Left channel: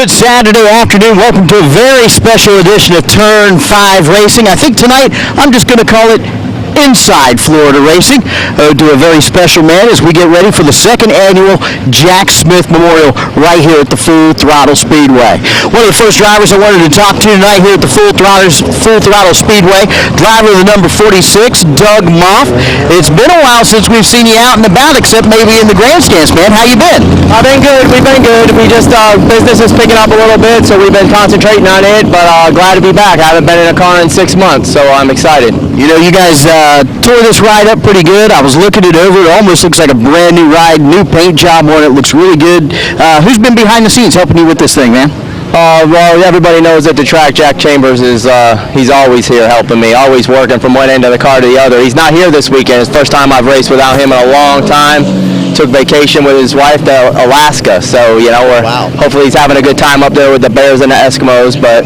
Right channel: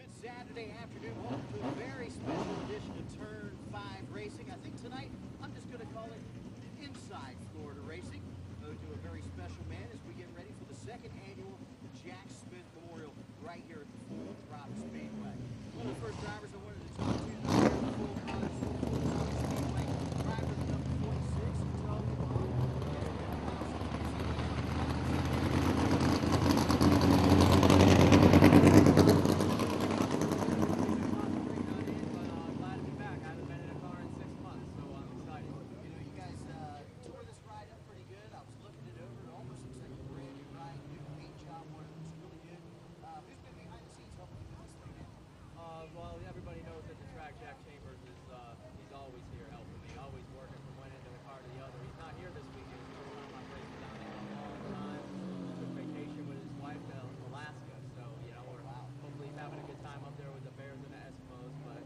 Good Saturday afternoon. Welcome to a very special edition of Turn 5 Racing. I think tonight I'm just going to call it Inside Florida Racing. To a very special man as we get ready for the second annual Jack Smith Memorial right here at the Full Throttle Speedway. One of the first drivers I wanted to talk to tonight here at the Full Throttle Speedway, driver of the number 46, Doug Moff. It's been a while since we've seen you out and about, except maybe in the grandstands, man. How you been? I've been good. We've been good. We just, business is picking up a little bit, so we've been concentrating on it, but glad to be back. I haven't been in a car in 6 months, so I'm excited. You know, you guys tore this ride up pretty good. I was looking it over. It almost looks like a brand new ride, new paint job on it. Looks really good. Who's been behind the scenes helping you with this thing, man? Well, everybody knows at the track, Jack Chambers is, he's always here helping me, always working from one end of the car to the other. He's not here this weekend. It's the first time I've raced without him in a long time. Took vacation with his wife to Alaska, so, you know, hopefully he's having a good time up there with the bears and the Eskimos, but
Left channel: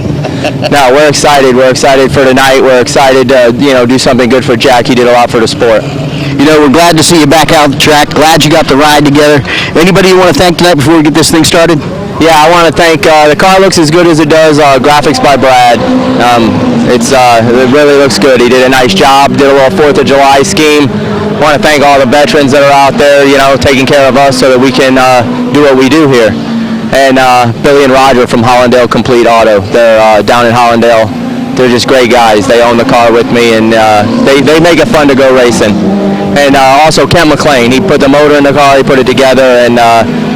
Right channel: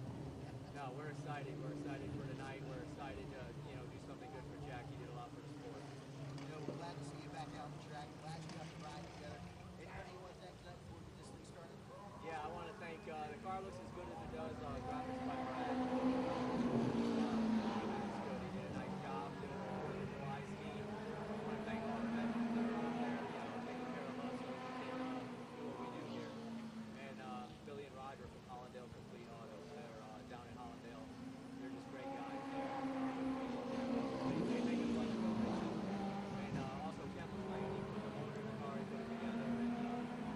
no, we're excited. We're excited for tonight. We're excited to, you know, do something good for Jack. He did a lot for the sport. You know, we're glad to see you back out on the track. Glad you got the ride together. Anybody you want to thank tonight before we get this thing started? Yeah, I want to thank, the car looks as good as it does, graphics by Brad. It really looks good. He did a nice job, did a little 4th of July scheme. I want to thank all the veterans that are out there, you know, taking care of us so that we can do what we do here. And Billy and Roger from Hollandale Complete Auto. They're down in Hollandale. They're just great guys. They own the car with me, and they make it fun to go racing. And also Ken McLean. He put the motor in the car, he put it together, and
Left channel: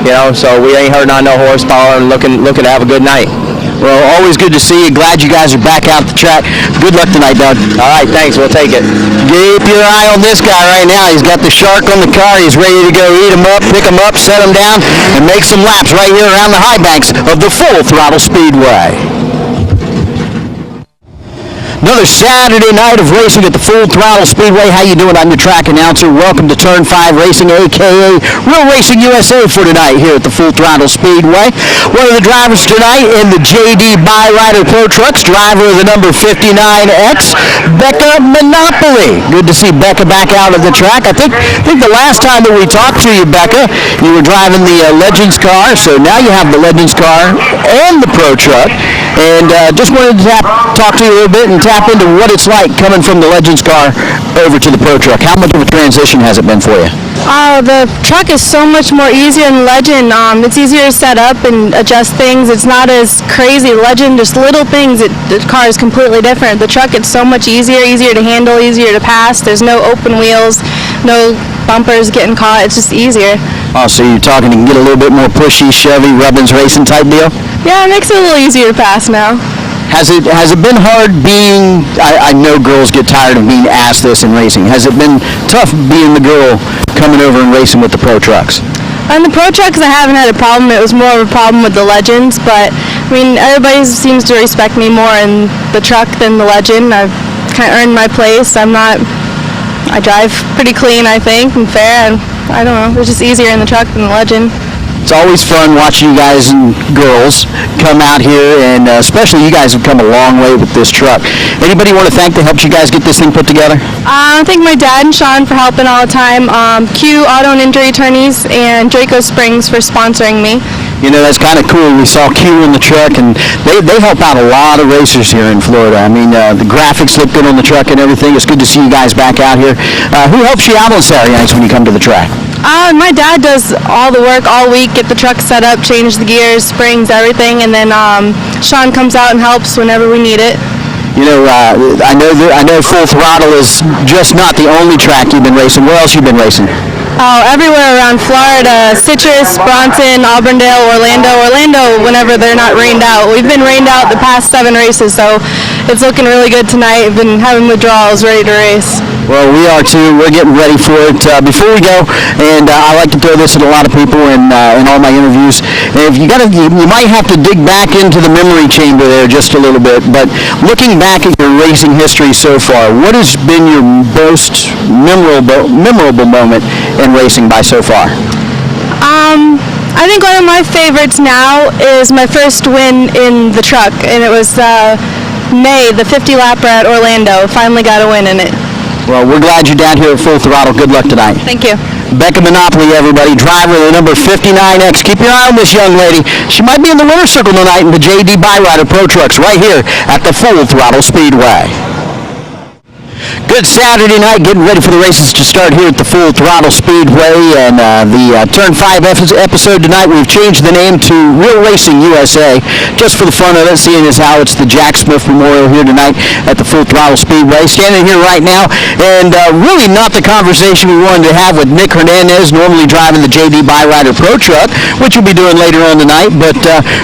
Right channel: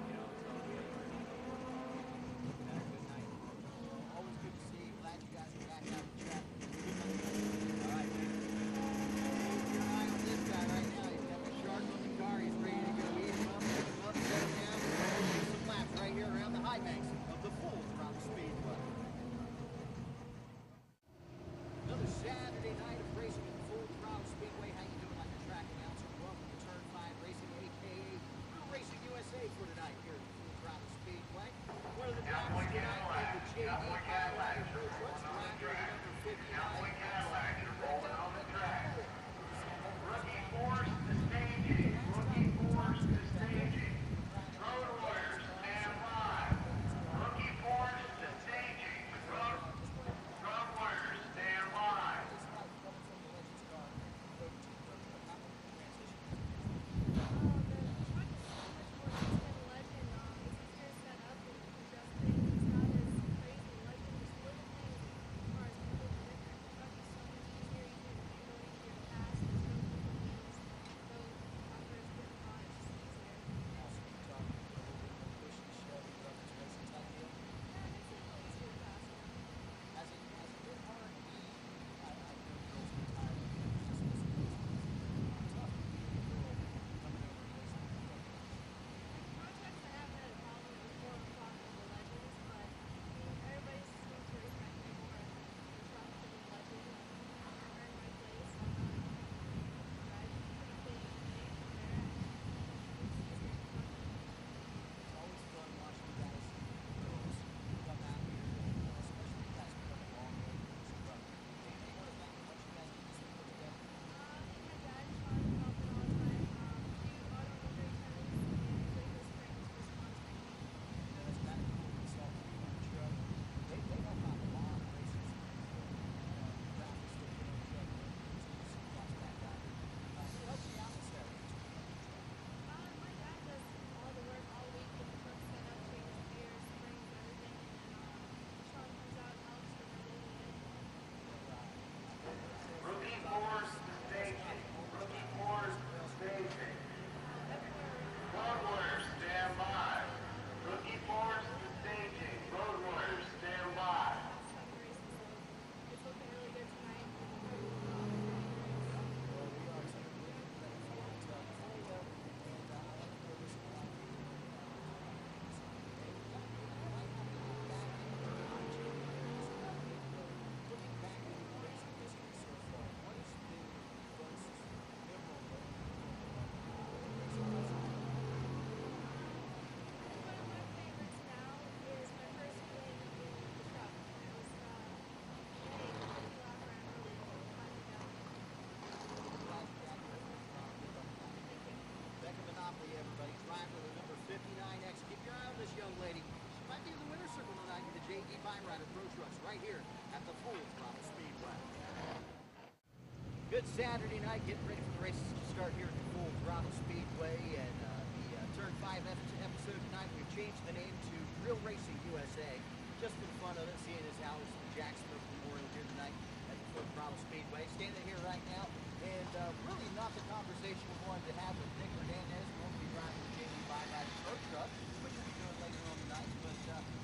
you know, so we ain't hurting on no horsepower and looking to have a good night. Well, always good to see you. Glad you guys are back out the track. Good luck tonight, Doug. All right, thanks. We'll take it. Keep your eye on this guy right now. He's got the shark on the car. He's ready to go eat him up, pick him up, set him down, and make some laps right here around the high banks of the Full Throttle Speedway. Another Saturday night of racing at the Full Throttle Speedway. How you doing? I'm your track announcer. Welcome to Turn 5 Racing, a.k.a. Real Racing USA for tonight here at the Full Throttle Speedway. One of the drivers tonight in the JD Byrider Pro Trucks, driver of the number 59X, Becca Monopoly. Good to see Becca back out of the track. I think the last time that we talked to you, Becca, you were driving the Legends car, so now you have the Legends car and the Pro Truck. And just wanted to talk to you a little bit and tap into what it's like coming from the Legends car over to the Pro Truck. How much of a transition has it been for you? The truck is so much more easier than Legend. It's easier to set up and adjust things. It's not as crazy. Legend, just little things. The car is completely different. The truck, it's so much easier to handle, easier to pass. There's no open wheels, no bumpers getting caught. It's just easier. Oh, so you're talking, you can get a little bit more pushy, Chevy, Rubbins racing type deal? Yeah, it makes it a little easier to pass now. Has it been hard being, I know girls get tired of being asked this in racing. Has it been tough being the girl coming over and racing with the Pro Trucks? On the Pro Trucks, I haven't had a problem. It was more of a problem with the Legends, but I mean, everybody seems to respect me more in the truck than the Legend. I've kind of earned my place. I drive pretty clean, I think, and fair, and I don't know, it's just easier in the truck than the Legend. It's always fun watching you guys and girls come out here, and especially you guys have come a long way with this truck. Anybody you want to thank that helped you guys get this thing put together? I thank my dad and Sean for helping all the time, Q Auto and Injury Attorneys, and Draco Springs for sponsoring me. You know, that's kind of cool. We saw Q in the truck, and they help out a lot of racers here in Florida. I mean, the graphics look good on the truck and everything. It's good to see you guys back out here. Who helps you out on Saturday nights when you come to the track? My dad does all the work all week, get the truck set up, change the gears, springs, everything, and then Sean comes out and helps whenever we need it. You know, I know Full Throttle is just not the only track you've been racing. Where else you been racing? Oh, everywhere around Florida, Citrus, Bronson, Auburndale, Orlando, whenever they're not rained out. We've been rained out the past 7 races, so it's looking really good tonight. We've been having withdrawals, ready to race. Well, we are too. We're getting ready for it. Before we go, and I like to throw this at a lot of people in all my interviews. If you might have to dig back into the memory chamber there just a little bit. But looking back at your racing history so far, what has been your most memorable moment in racing by so far? I think one of my favorites now is my first win in the truck, and it was May, the 50 lapper at Orlando. Finally got a win in it. Well, we're glad you're down here at Full Throttle. Good luck tonight. Thank you. Becca Monopoly, everybody, driver of the number 59X. Keep your eye on this young lady. She might be in the winner's circle tonight in the JD Byrider Pro Trucks right here at the Full Throttle Speedway. Good Saturday night, getting ready for the races to start here at the Full Throttle Speedway, and the Turn 5 episode tonight, we've changed the name to Real Racing USA, just for the fun of it, seeing as how it's the Jack Smith Memorial here tonight at the Full Throttle Speedway. Standing here right now, and really not the conversation we wanted to have with Nick Hernandez, normally driving the JD Byrider Pro Truck, which we'll be doing later on tonight, but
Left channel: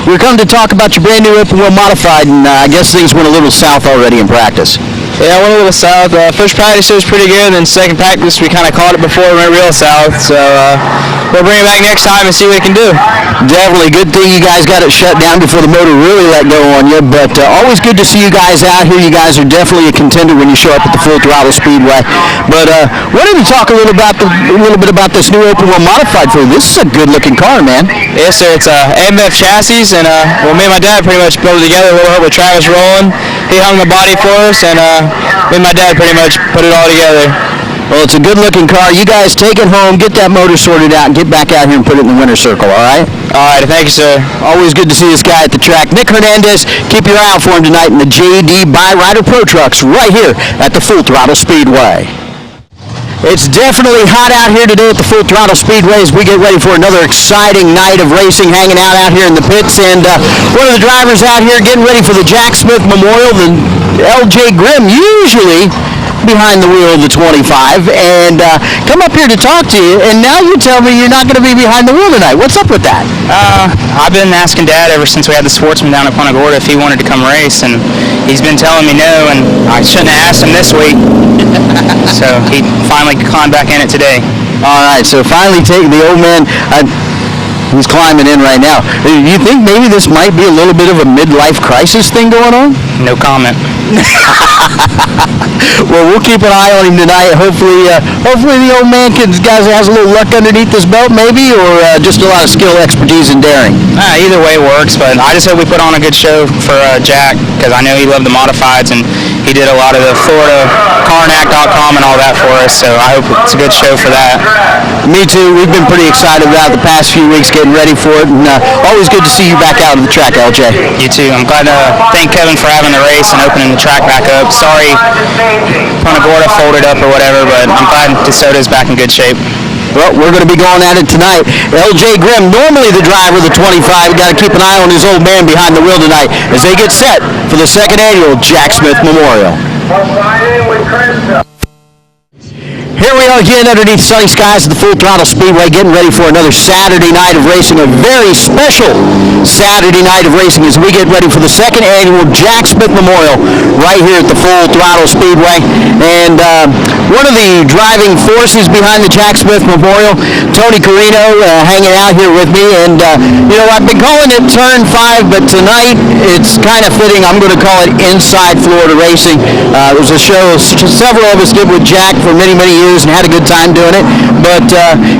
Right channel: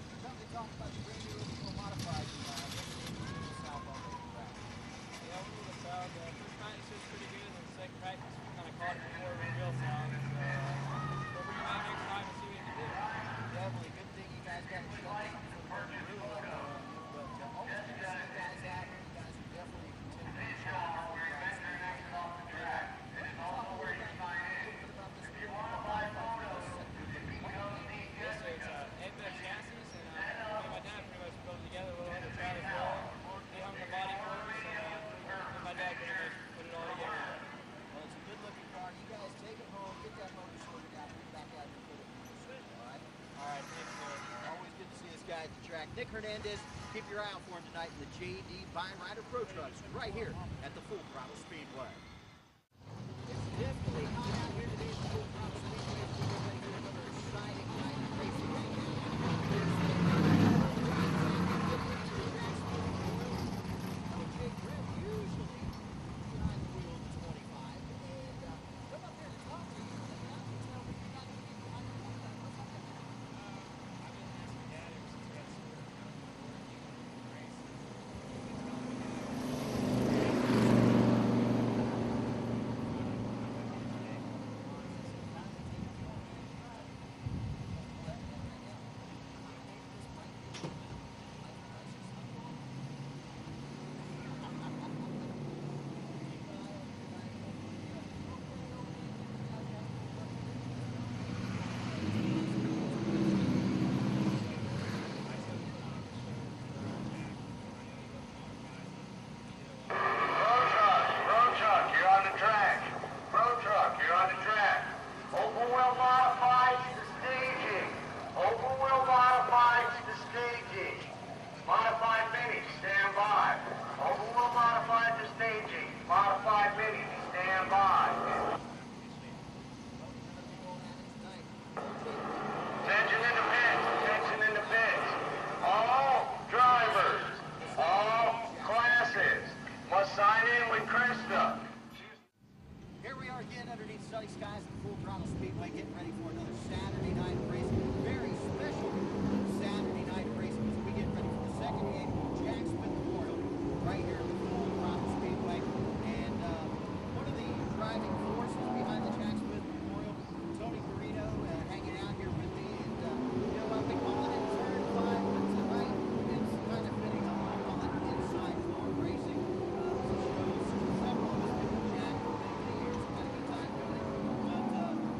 we're coming to talk about your brand new open wheel modified, and I guess things went a little south already in practice. Yeah, I went a little south. First practice it was pretty good, and then second practice we kind of caught it before we went real south. So we'll bring it back next time and see what it can do. Definitely. Good thing you guys got it shut down before the motor really let go on you, but always good to see you guys out here. You guys are definitely a contender when you show up at the Full Throttle Speedway. But wanted to talk a little bit about this new open wheel modified for you. This is a good-looking car, man. Yes, sir. It's a AMF chassis, and well, me and my dad pretty much built it together. A little help with Travis rolling. He hung the body for us, and me and my dad pretty much put it all together. Well, it's a good-looking car. You guys take it home, get that motor sorted out, and get back out here and put it in the winner's circle, all right? All right, thank you, sir. Always good to see this guy at the track. Nick Hernandez, keep your eye out for him tonight in the JD Byrider Pro Trucks right here at the Full Throttle Speedway. It's definitely hot out here today at the Full Throttle Speedway as we get ready for another exciting night of racing, hanging out here in the pits. And one of the drivers out here getting ready for the Jack Smith Memorial, the LJ Grimm, usually behind the wheel of the 25, and come up here to talk to you, and now you tell me you're not going to be behind the wheel tonight. What's up with that? I've been asking Dad ever since we had the Sportsman down at Punta Gorda if he wanted to come race, and he's been telling me no, and I shouldn't have asked him this week. So he finally climbed back in it today. All right, so finally taking the old man. He's climbing in right now. You think maybe this might be a little bit of a midlife crisis thing going on? No comment. Well, we'll keep an eye on him tonight. Hopefully the old man has a little luck underneath his belt, maybe, or just a lot of skill, expertise, and daring. Either way works, but I just hope we put on a good show for Jack, because I know he loved the modifieds, and he did a lot of the Florida Carnac.com and all that for us, so I hope it's a good show for that. Me too. We've been pretty excited about the past few weeks getting ready for it, and always good to see you back out on the track, LJ. You too. I'm glad to thank Kevin for having the race and opening the track back up. Sorry Punta Gorda folded up or whatever, but I'm glad DeSoto's back in good shape. Well, we're going to be going at it tonight. LJ Grimm, normally the driver of the 25, got to keep an eye on his old man behind the wheel tonight as they get set for the second annual Jack Smith Memorial. Here we are again underneath sunny skies at the Full Throttle Speedway, getting ready for another Saturday night of racing, a very special Saturday night of racing as we get ready for the second annual Jack Smith Memorial right here at the Full Throttle Speedway. And one of the driving forces behind the Jack Smith Memorial, Tony Corino, hanging out here with me. And, I've been calling it Turn 5, but tonight it's kind of fitting. I'm going to call it Inside Florida Racing. It was a show several of us did with Jack for many, many years and had a good time doing it. But,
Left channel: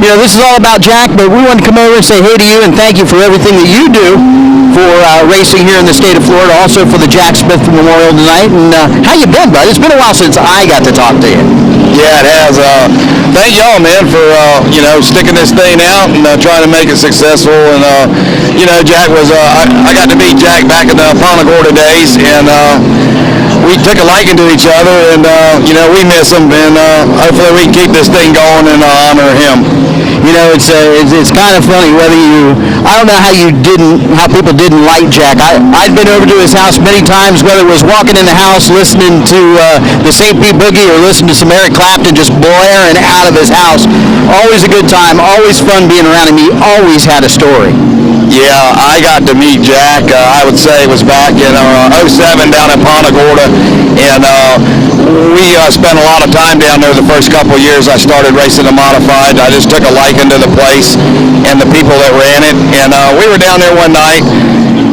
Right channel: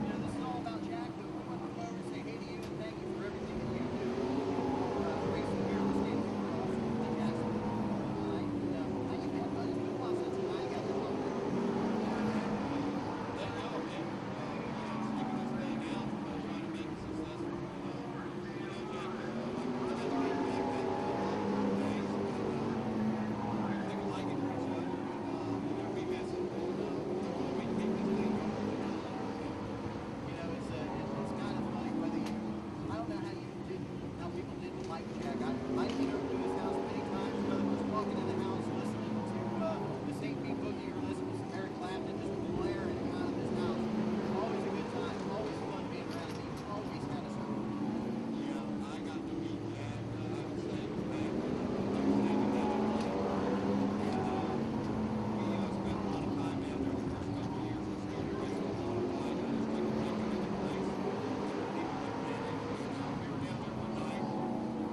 this is all about Jack, but we wanted to come over and say hey to you and thank you for everything that you do for racing here in the state of Florida, also for the Jack Smith Memorial tonight. And how you been, bud? It's been a while since I got to talk to you. Yeah, it has. Thank y'all, man, for, sticking this thing out and trying to make it successful. And, Jack was, I got to meet Jack back in the Punta Gorda days, and we took a liking to each other, and, we miss him, and hopefully we can keep this thing going and honor him. It's kind of funny whether I don't know how people didn't like Jack. I'd been over to his house many times, whether it was walking in the house listening to the St. Pete Boogie or listening to some Eric Clapton just blaring out of his house. Always a good time, always fun being around him. He always had a story. Yeah, I got to meet Jack, I would say it was back in 07 down in Punta Gorda, and we spent a lot of time down there the first couple of years I started racing the modified. I just took a liking to the place and the people that ran it, and we were down there one night,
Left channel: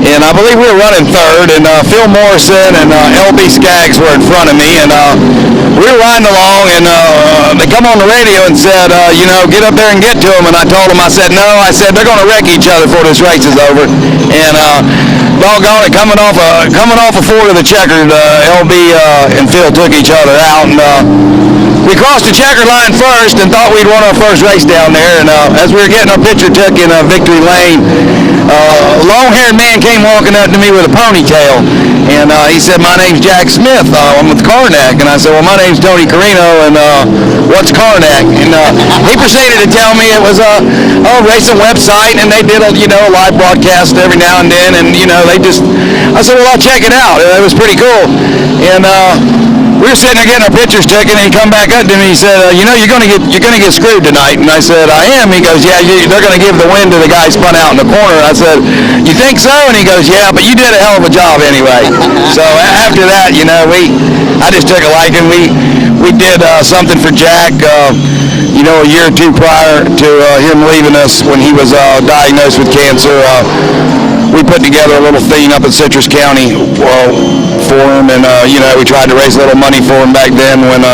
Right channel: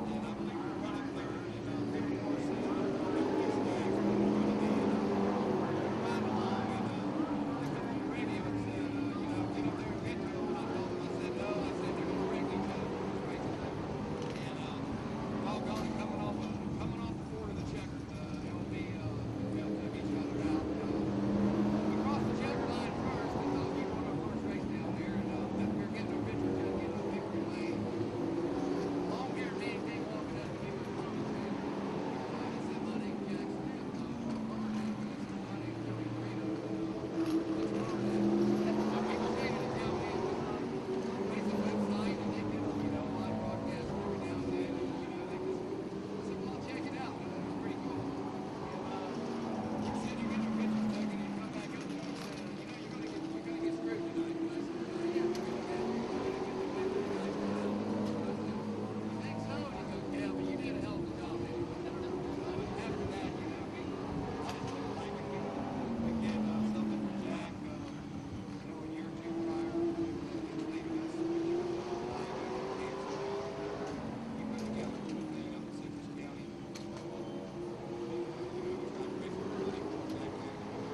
and I believe we were running third, and Phil Morrison and LB Skaggs were in front of me, and we were riding along, and they come on the radio and said, get up there and get to them. And I told them, I said, they're going to wreck each other before this race is over. And doggone it, coming off a Ford of the checkered, LB and Phil took each other out. And we crossed the checker line first and thought we'd won our first race down there. And as we were getting our picture took in Victory Lane, a long-haired man came walking up to me with a ponytail. And he said, "My name's Jack Smith. I'm with Karnak." And I said, "Well, my name's Tony Corino, and what's Karnak?" And he proceeded to tell me it was a racing website, and they did a live broadcast every now and then. And I said, "Well, I'll check it out." It was pretty cool. And we were sitting there getting our pictures taken, and he come back up to me. He said, "You're gonna get screwed tonight." And I said, "I am." He goes, "Yeah, they're gonna give the win to the guy spun out in the corner." I said, "You think so?" And he goes, "Yeah, but you did a hell of a job anyway." So after that, I just took a liking. We did something for Jack, a year or two prior to him leaving us when he was diagnosed with cancer. We put together a little thing up in Citrus County for him, and we tried to raise a little money for him back then when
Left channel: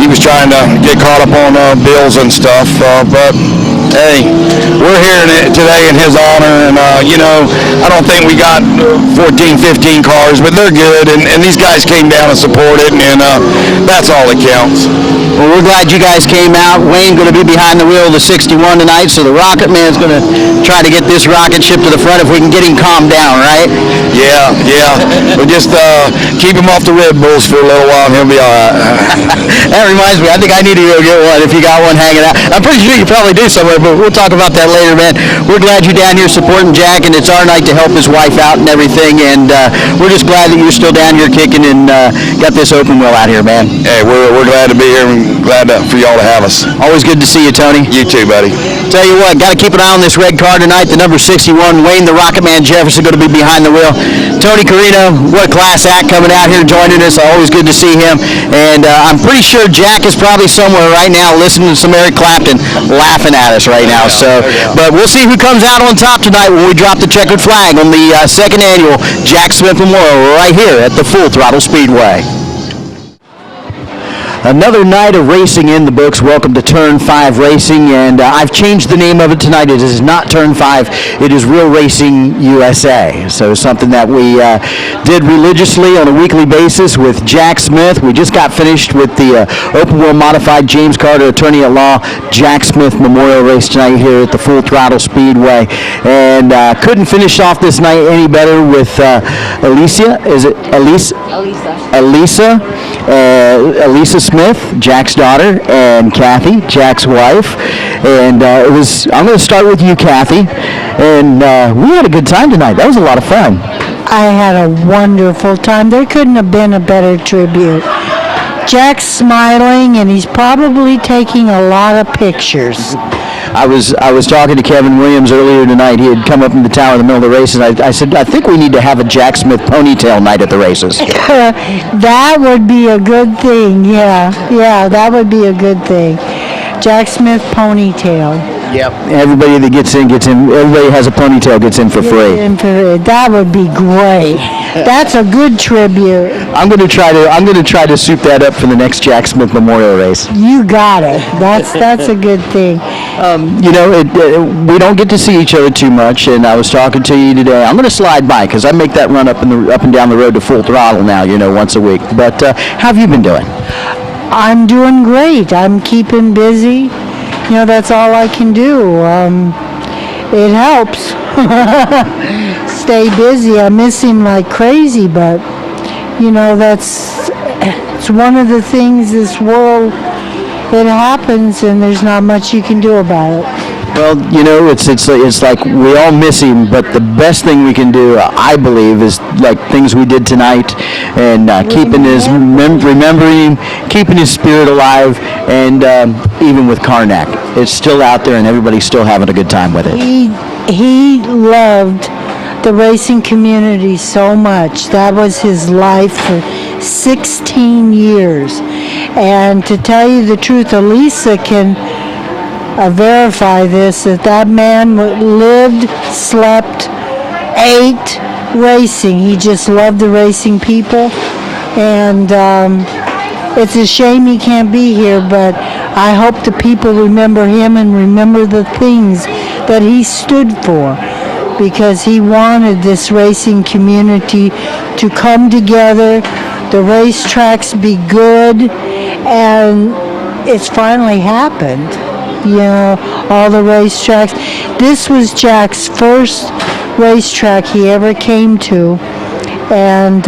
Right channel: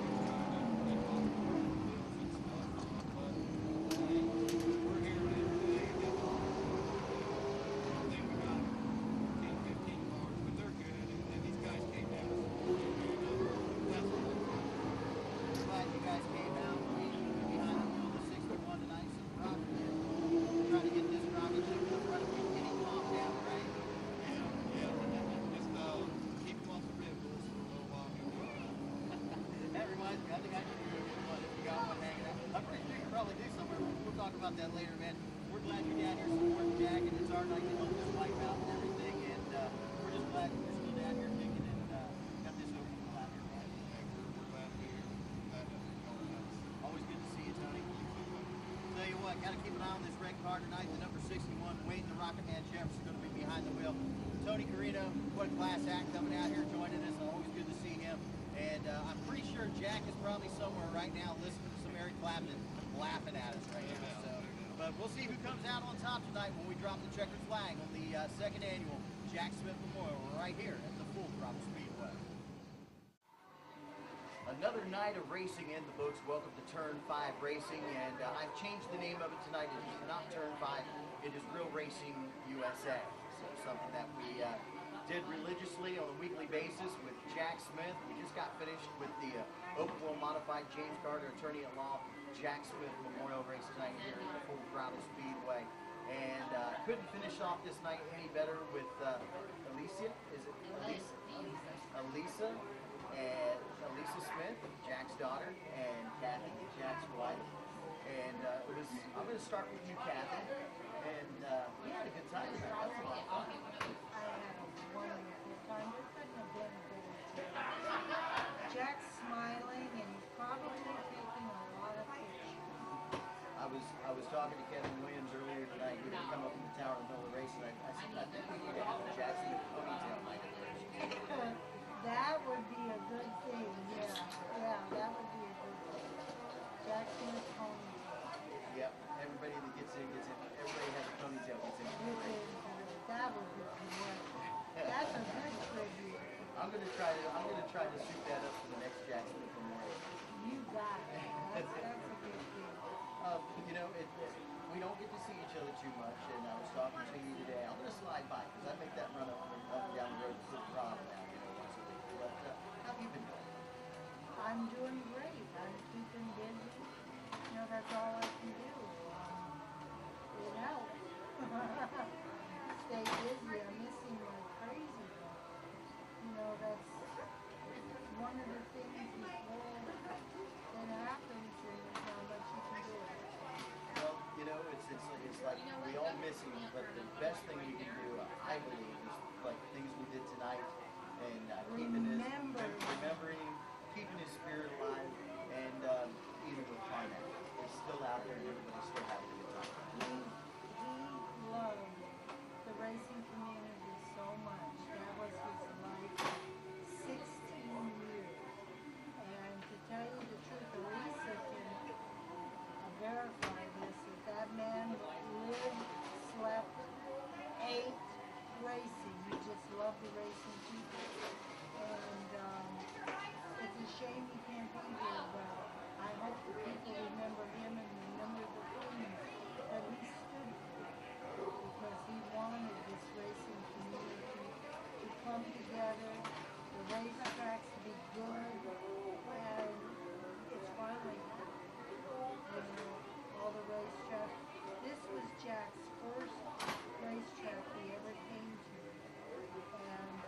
he was trying to get caught up on bills and stuff. But hey, we're here today in his honor, and I don't think we got 14, 15 cars, but they're good, and these guys came down and supported, and that's all that counts. Well, we're glad you guys came out. Wayne going to be behind the wheel of the 61 tonight, so the Rocket Man's going to try to get this rocket ship to the front if we can get him calmed down, right? Yeah. We'll just keep him off the Red Bulls for a little while, and he'll be all right. That reminds me, I think I need to go get one if you got one hanging out. I'm pretty sure you probably do somewhere, but we'll talk about that later, man. We're glad you're down here supporting Jack, and it's our night to help his wife out and everything, and we're just glad that you're still down here kicking and got this open wheel out here, man. Hey, we're glad to be here and glad for y'all to have us. Always good to see you, Tony. You too, buddy. Tell you what, got to keep an eye on this red car tonight. The number 61, Wayne the Rocket Man Jefferson, going to be behind the wheel. Tony Corino, what a class act coming out here joining us. Always good to see him. And I'm pretty sure Jack is probably somewhere right now listening to some Eric Clapton laughing at us right now. But we'll see who comes out on top tonight when we drop the checkered flag on the second annual Jack Smith Memorial right here at the Full Throttle Speedway. Another night of racing in the books. Welcome to Turn 5 Racing, and I've changed the name of it tonight. It is not Turn 5, it is Real Racing USA. So something that we did religiously on a weekly basis with Jack Smith. We just got finished with the Open Wheel Modified James Carter Attorney at Law Jack Smith Memorial Race tonight here at the Full Throttle Speedway. And couldn't finish off this night any better with Alicia. Is it Elisa? Elisa Smith, Jack's daughter, and Kathy, Jack's wife. And I'm going to start with you, Kathy. And we had a good time tonight. That was a lot of fun. I had a wonderful time. There couldn't have been a better tribute. Jack's smiling, and he's probably taking a lot of pictures. I was talking to Kevin Williams earlier tonight. He had come up in the tower in the middle of the races. I said, I think we need to have a Jack Smith ponytail night at the races. That would be a good thing. Yeah, that would be a good thing. Jack Smith ponytail. Yep. Everybody that gets in. Everybody has a ponytail gets in for free. That would be great. That's a good tribute. I'm going to try to soup that up for the next Jack Smith Memorial race. You got it. That's a good thing. We don't get to see each other too much, and I was talking to you today. I'm going to slide by because I make that run up and down the road to Full Throttle now, once a week. But how have you been doing? I'm doing great. I'm keeping busy. That's all I can do. It helps. Stay busy. I miss him like crazy, but it's one of the things this world, it happens, and there's not much you can do about it. Well, it's like we all miss him, but the best thing we can do, I believe, is like things we did tonight, and remembering him, keeping his spirit alive, and even with Karnak, it's still out there, and everybody's still having a good time with it. He loved the racing community so much. That was his life for 16 years, and to tell you the truth, Elisa can verify this, that man lived, slept, ate racing. He just loved the racing people, and it's a shame he can't be here, but I hope the people remember him and remember the things that he stood for, because he wanted this racing community to come together, the racetracks be good, and it's finally happened. You know, all the racetracks. This was Jack's first racetrack he ever came to, and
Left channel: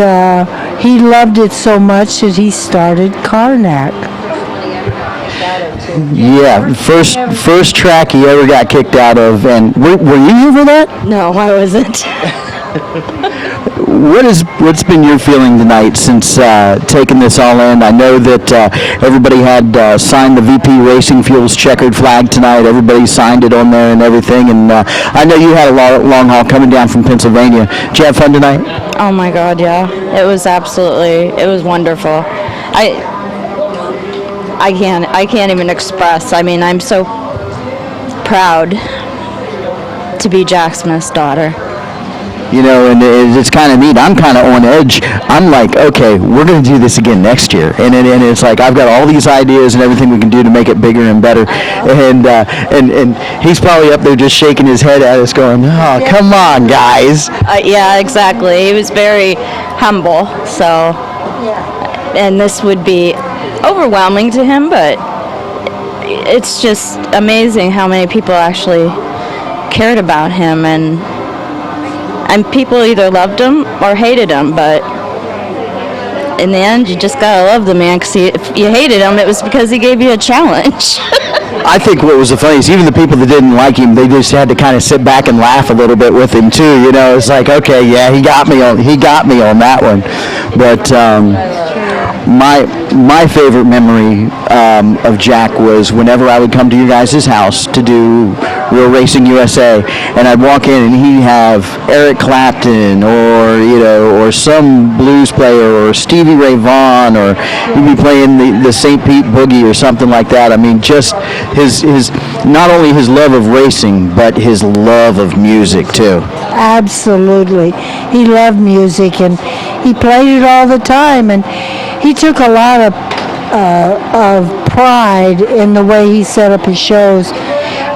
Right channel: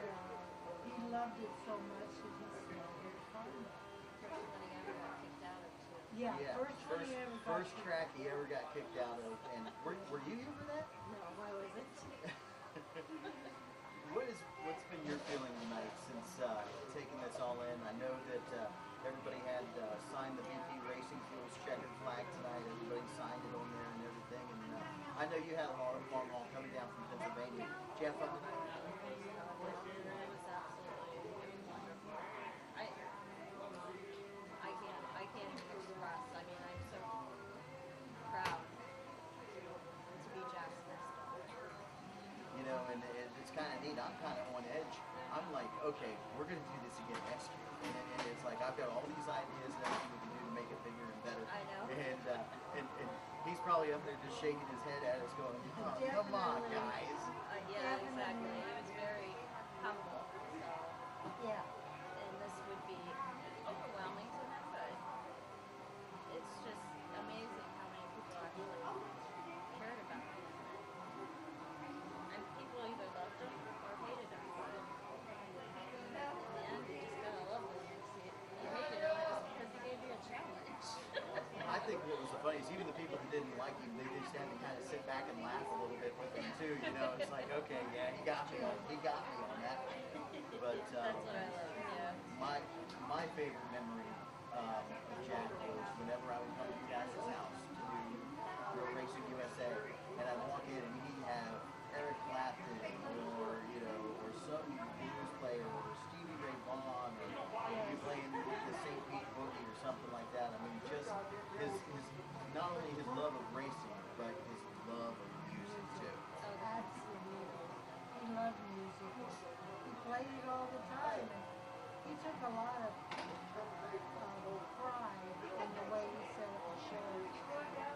he loved it so much that he started Karnak. Yeah, first track he ever got kicked out of, and were you here for that? No, I wasn't. What's been your feeling tonight since taking this all in? I know that everybody had signed the VP Racing Fuels checkered flag tonight. Everybody signed it on there and everything, and I know you had a long haul coming down from Pennsylvania. Did you have fun tonight? Oh my God, yeah. It was wonderful. I can't even express. I mean, I'm so proud to be Jack Smith's daughter. You know, and it's kind of neat. I'm kind of on edge. I'm like, okay, we're going to do this again next year. And it's like, I've got all these ideas and everything we can do to make it bigger and better. And he's probably up there just shaking his head at us going, oh, come on, guys. Yeah, exactly. He was very humble. So, and this would be overwhelming to him, but it's just amazing how many people actually cared about him, and people either loved him or hated him, but in the end, you just gotta love the man, because if you hated him, it was because he gave you a challenge. I think what was the funniest, even the people that didn't like him, they just had to kind of sit back and laugh a little bit with him too. You know, it's like, okay, yeah, he got me on that one. But my favorite memory of Jack was whenever I would come to your guys' house to do Real Racing USA, and I'd walk in and he'd have Eric Clapton or some blues player or Stevie Ray Vaughan, or he'd be playing the St. Pete Boogie or something like that. I mean, just his not only his love of racing, but his love of music too. Absolutely. He loved music, and he played it all the time, and he took a lot of pride in the way he set up his shows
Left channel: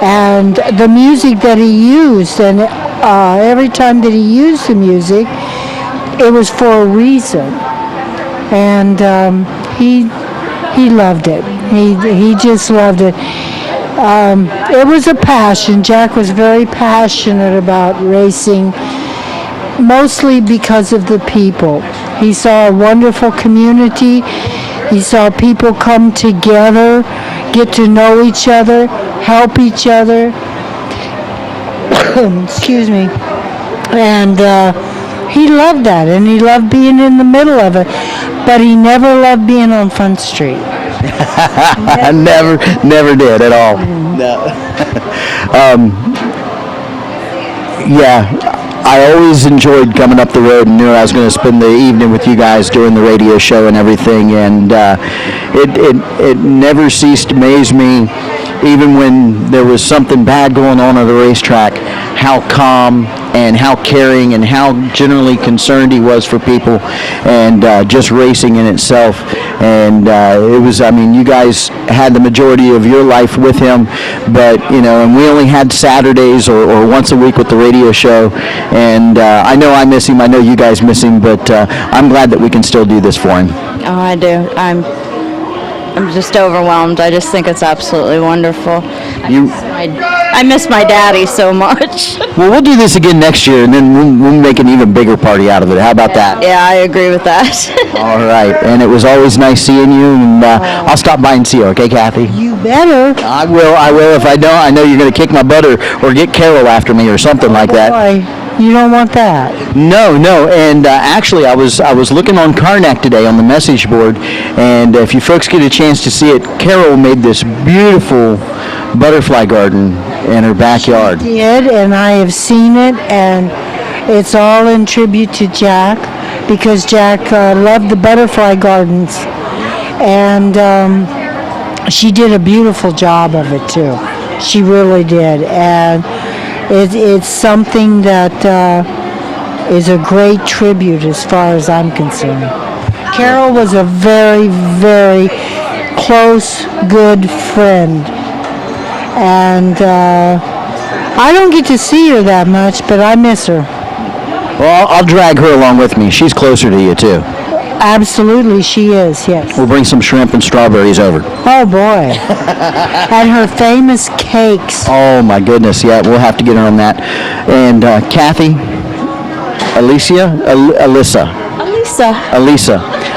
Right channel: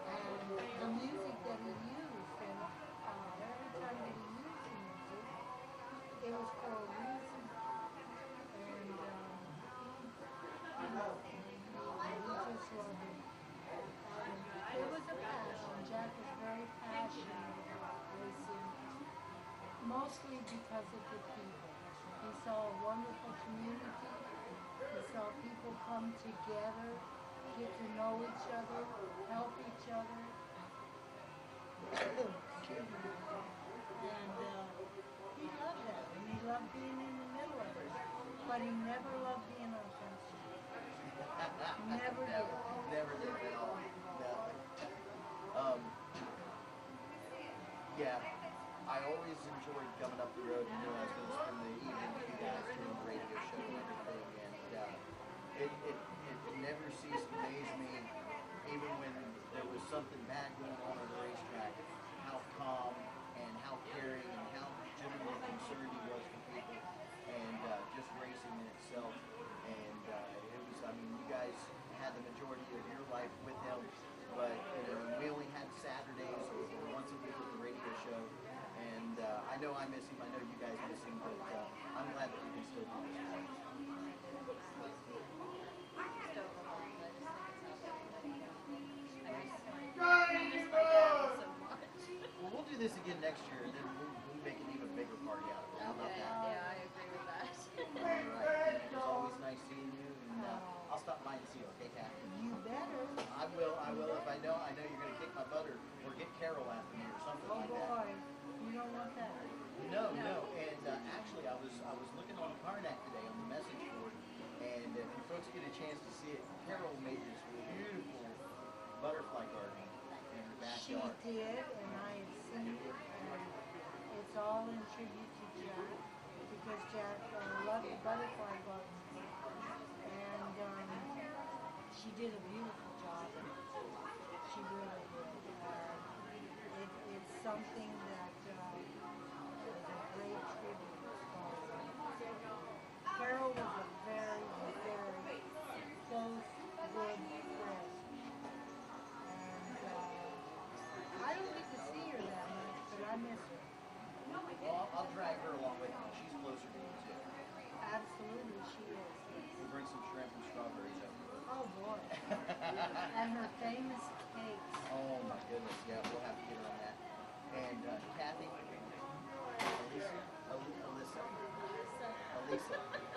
and the music that he used. And every time that he used the music, it was for a reason. And he loved it. He just loved it. It was a passion. Jack was very passionate about racing, mostly because of the people. He saw a wonderful community. He saw people come together, get to know each other, help each other. Excuse me. And he loved that, and he loved being in the middle of it. But he never loved being on Front Street. Never did at all. No. Yeah. I always enjoyed coming up the road and knew I was going to spend the evening with you guys doing the radio show and everything, and it never ceased to amaze me, even when there was something bad going on at the racetrack, how calm and how caring and how generally concerned he was for people and just racing in itself. And it was, I mean, you guys had the majority of your life with him, but, you know, and we only had Saturdays or once a week with the radio show. And I know I miss him. I know you guys miss him, but I'm glad that we can still do this for him. Oh, I do. I'm just overwhelmed. I just think it's absolutely wonderful. I miss my daddy so much. Well, we'll do this again next year, and then we'll make an even bigger party out of it. How about that? Yeah, I agree with that. All right. And it was always nice seeing you, and I'll stop by and see you, okay, Kathy? You better. I will. If I don't, I know you're going to kick my butt or get Carol after me or something like that. Boy, you don't want that. No. And actually, I was looking on Karnak today on the message board, and if you folks get a chance to see it, Carol made this beautiful butterfly garden in her backyard. She did, and I have seen it, and it's all in tribute to Jack, because Jack loved the butterfly gardens, and she did a beautiful job of it too. She really did, and it's something that is a great tribute as far as I'm concerned. Carol was a very, very close, good friend. And I don't get to see her that much, but I miss her. Well, I'll drag her along with me. She's closer to you, too. Absolutely, she is, yes. We'll bring some shrimp and strawberries over. Oh, boy. And her famous cakes. Oh, my goodness. Yeah, we'll have to get her on that. And Kathy, Alyssa.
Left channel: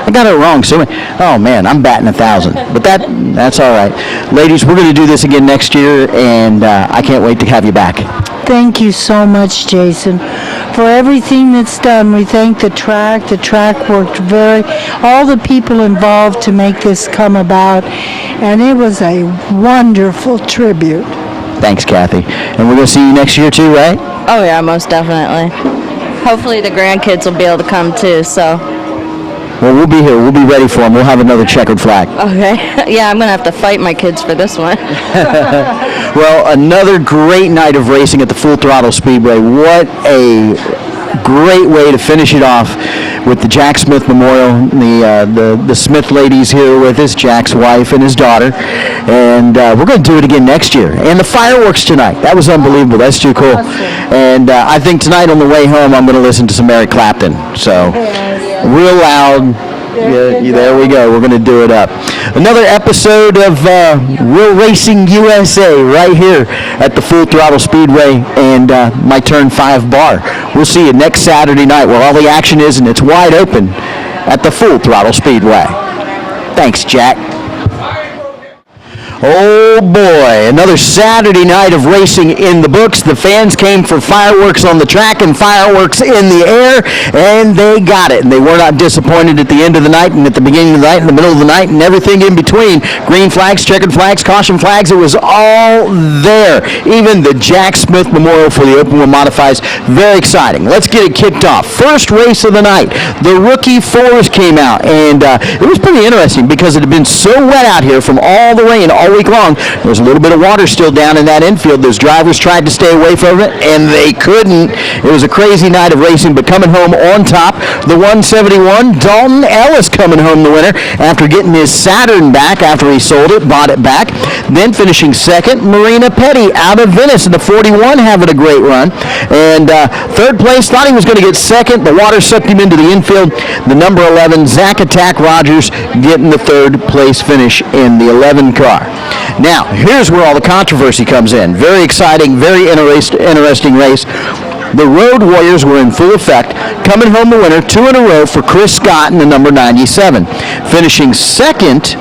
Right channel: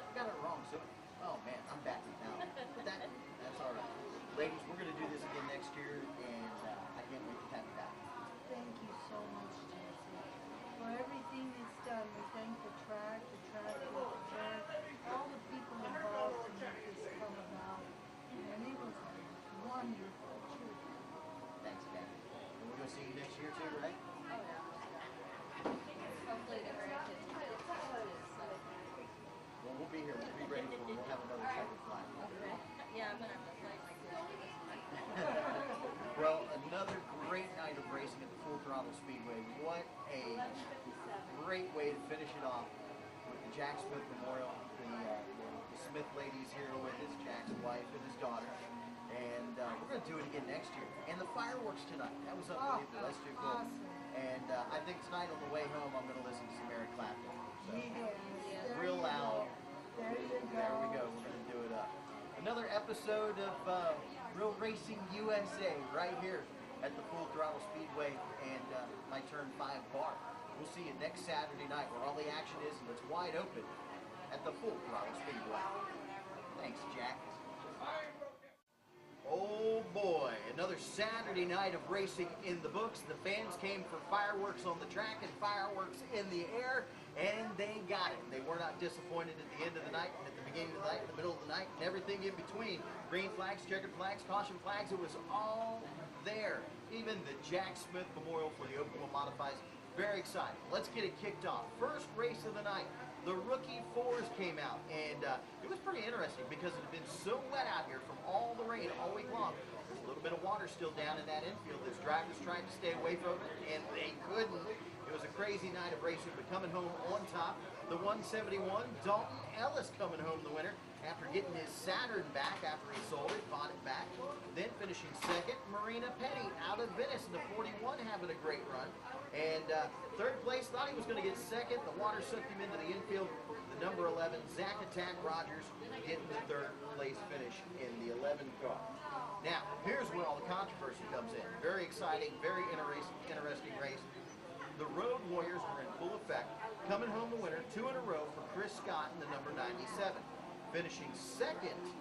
I got it wrong. So, oh man, I'm batting 1,000. But that's all right. Ladies, we're going to do this again next year, and I can't wait to have you back. Thank you so much, Jason, for everything that's done. We thank the track. The track worked all the people involved to make this come about, and it was a wonderful tribute. Thanks, Kathy. And we're going to see you next year too, right? Oh yeah, most definitely. Hopefully the grandkids will be able to come too, so. Well, we'll be here. We'll be ready for them. We'll have another checkered flag. Okay. Yeah, I'm going to have to fight my kids for this one. Well, another great night of racing at the Full Throttle Speedway. What a great way to finish it off with the Jack Smith Memorial. The Smith ladies here with us, Jack's wife and his daughter. And we're going to do it again next year. And the fireworks tonight. That was unbelievable. That's too cool. And I think tonight on the way home, I'm going to listen to some Eric Clapton. So real loud. Yeah, there we go. We're going to do it up. Another episode of Real Racing USA right here at the Full Throttle Speedway and my Turn 5 bar. We'll see you next Saturday night where all the action is, and it's wide open at the Full Throttle Speedway. Thanks, Jack. Oh boy, another Saturday night of racing in the books. The fans came for fireworks on the track and fireworks in the air, and they got it. And they were not disappointed at the end of the night and at the beginning of the night, in the middle of the night, and everything in between. Green flags, checkered flags, caution flags, it was all there. Even the Jack Smith Memorial for the Open Wheel Modifieds, very exciting. Let's get it kicked off. First race of the night, the Rookie Fours came out, and it was pretty interesting because it had been so wet out here from all the rain all week long. There was a little bit of water still down in that infield. Those drivers tried to stay away from it, and they couldn't. It was a crazy night of racing, but coming home on top, the 171, Dalton Ellis coming home the winner after getting his Saturn back after he sold it, bought it back. Then finishing second, Marina Petty out of Venice in the 41, having a great run. And third place, thought he was going to get second. The water sucked him into the infield. The number 11, Zach Attack Rogers, getting the third place finish in the 11 car. Now, here's where all the controversy comes in. Very exciting, very interesting race. The Road Warriors were in full effect, coming home the winner 2 in a row for Chris Scott in the number 97. Finishing second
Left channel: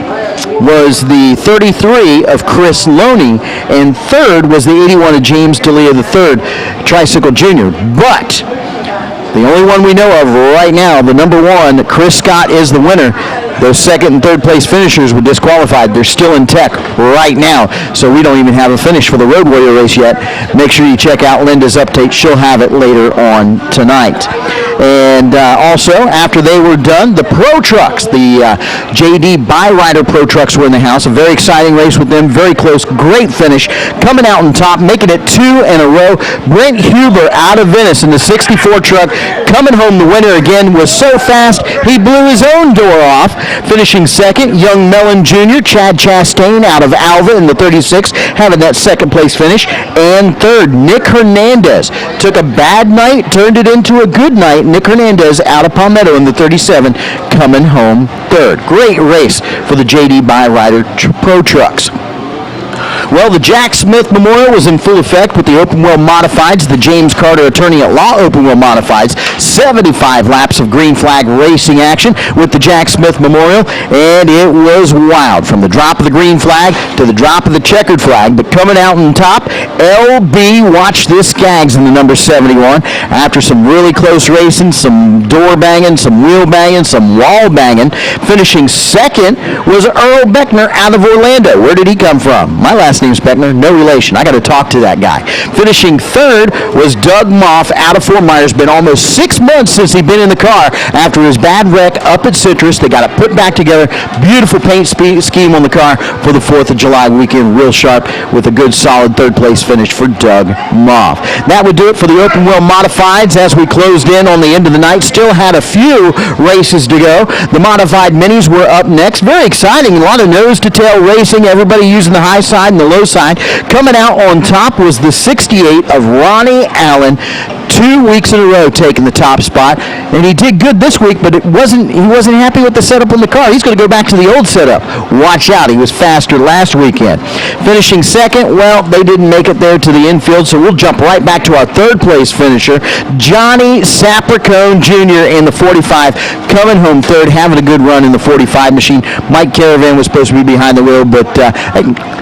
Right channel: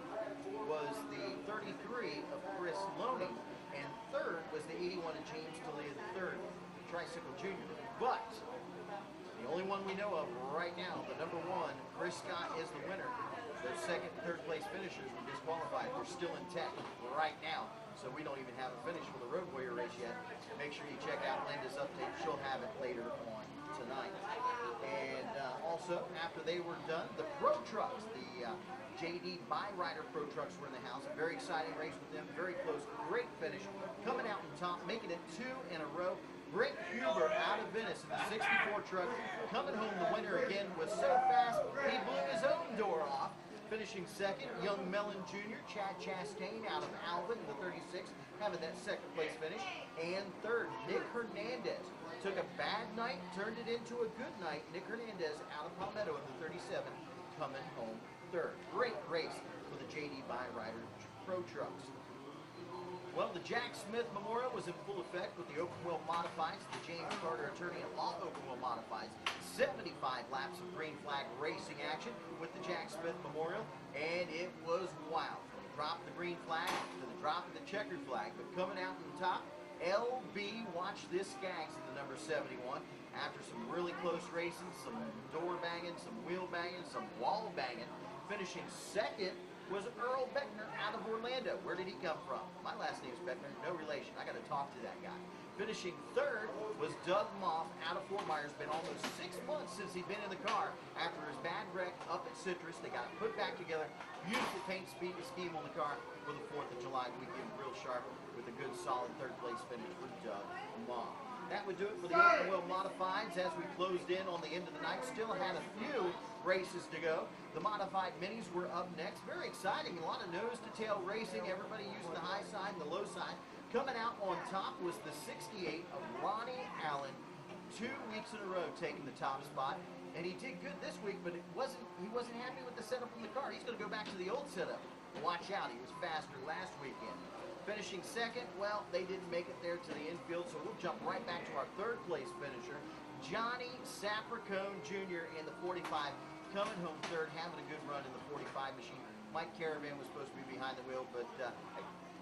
was the 33 of Chris Loney, and third was the 81 of James D'Elia III, Tricycle Jr. But the only one we know of right now, the number 1, Chris Scott, is the winner. Those second and third place finishers were disqualified. They're still in tech right now, so we don't even have a finish for the Road Warrior race yet. Make sure you check out Linda's update. She'll have it later on tonight. And also, after they were done, the Pro Trucks, the JD Byrider Pro Trucks were in the house. A very exciting race with them, very close, great finish. Coming out on top, making it 2 in a row. Brent Huber out of Venice in the 64 truck, coming home the winner again, was so fast he blew his own door off. Finishing second, Young Mellon Jr., Chad Chastain out of Alva in the 36, having that second place finish. And third, Nick Hernandez took a bad night, turned it into a good night. Nick Hernandez out of Palmetto in the 37, coming home third. Great race for the JD Byrider Pro Trucks. Well, the Jack Smith Memorial was in full effect with the Open Wheel Modifieds, the James Carter Attorney at Law Open Wheel Modifieds. 75 laps of green flag racing action with the Jack Smith Memorial, and it was wild from the drop of the green flag to the drop of the checkered flag. But coming out on top, LB, watch this, Skaggs in the number 71. After some really close racing, some door banging, some wheel banging, some wall banging. Finishing second was Earl Beckner out of Orlando. Where did he come from? My last name's Beckner, no relation. I got to talk to that guy. Finishing third was Doug Moff out of Fort Myers. Been almost 6 months since he'd been in the car after his bad wreck up at Citrus. They got it put back together. Beautiful paint scheme on the car for the 4th of July weekend. Real sharp with a good solid third place finish for Doug Moff. That would do it for the Open Wheel Modifieds as we closed in on the end of the night. Still had a few races to go. The Modified Minis were up next. Very exciting. A lot of nose-to-tail racing. Everybody using the high side and the low side. Coming out on top was the 68 of Ronnie Allen. 2 weeks in a row taking the top spot, and he did good this week, but he wasn't happy with the setup on the car. He's going to go back to the old setup. Watch out, he was faster last weekend. Finishing second, well, they didn't make it there to the infield, so we'll jump right back to our third place finisher, Johnny Sapricone Jr. in the 45, coming home third, having a good run in the 45 machine. Mike Caravan was supposed to be behind the wheel, but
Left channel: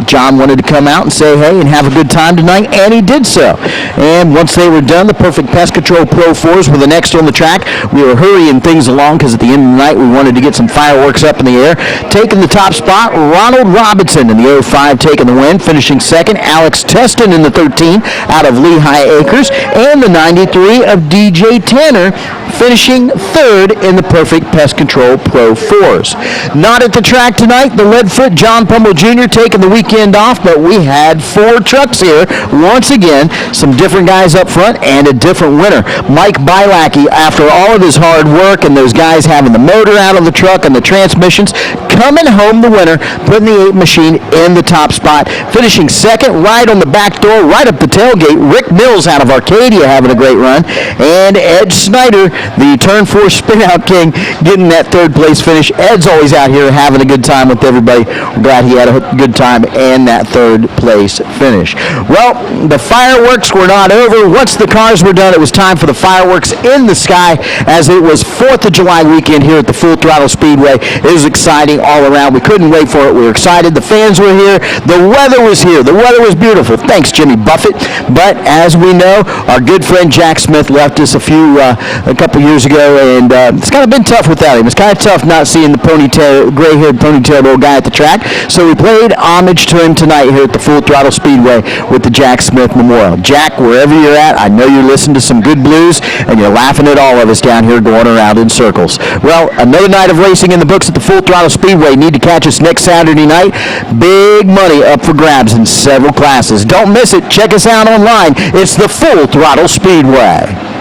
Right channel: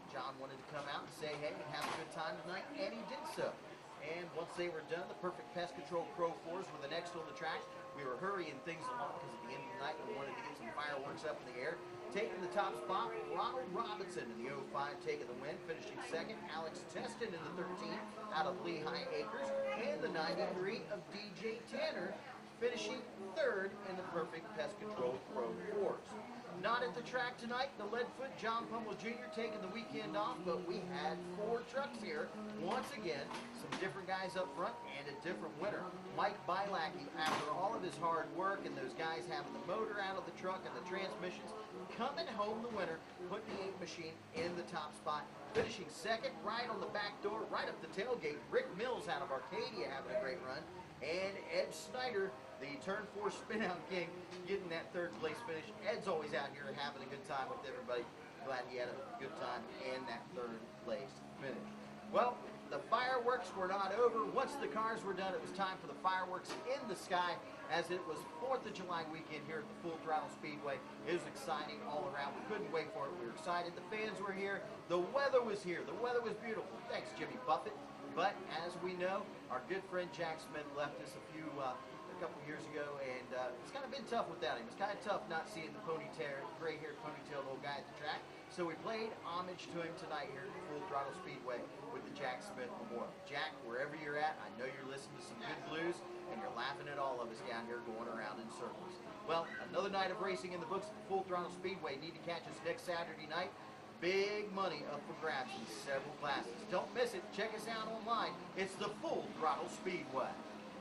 John wanted to come out and say hey and have a good time tonight, and he did so. And once they were done, the Perfect Pest Control Pro 4s were the next on the track. We were hurrying things along because at the end of the night we wanted to get some fireworks up in the air. Taking the top spot, Ronald Robinson in the 05 taking the win. Finishing second, Alex Teston in the 13 out of Lehigh Acres. And the 93 of DJ Tanner finishing third in the Perfect Pest Control Pro 4s. Not at the track tonight, the Leadfoot John Pummel Jr. taking the weekend off, but we had 4 trucks here. Once again, some different guys up front and a different winner. Mike Bielacki, after all of his hard work and those guys having the motor out of the truck and the transmissions, coming home the winner, putting the 8 machine in the top spot. Finishing second, right on the back door, right up the tailgate, Rick Mills out of Arcadia having a great run. And Ed Snyder, the Turn 4 spin-out king, getting that third place finish. Ed's always out here having a good time with everybody. We're glad he had a good time and that third place finish. Well, the fireworks were not over. Once the cars were done, it was time for the fireworks in the sky as it was 4th of July weekend here at the Full Throttle Speedway. It was exciting all around. We couldn't wait for it. We were excited. The fans were here. The weather was here. The weather was beautiful. Thanks, Jimmy Buffett. But as we know, our good friend Jack Smith left us a couple years ago, and it's kind of been tough without him. It's kind of tough not seeing the gray-haired, ponytailed old guy at the track. So we played homage to him tonight here at the Full Throttle Speedway with the Jack Smith Memorial. Jack, wherever you're at, I know you're listening to some good blues, and you're laughing at all of us down here going around in circles. Well, another night of racing in the books at the Full Throttle Speedway. Need to catch us next Saturday night. Big money up for grabs in several classes. Don't miss it. Check us out online. It's the Full Throttle Speedway.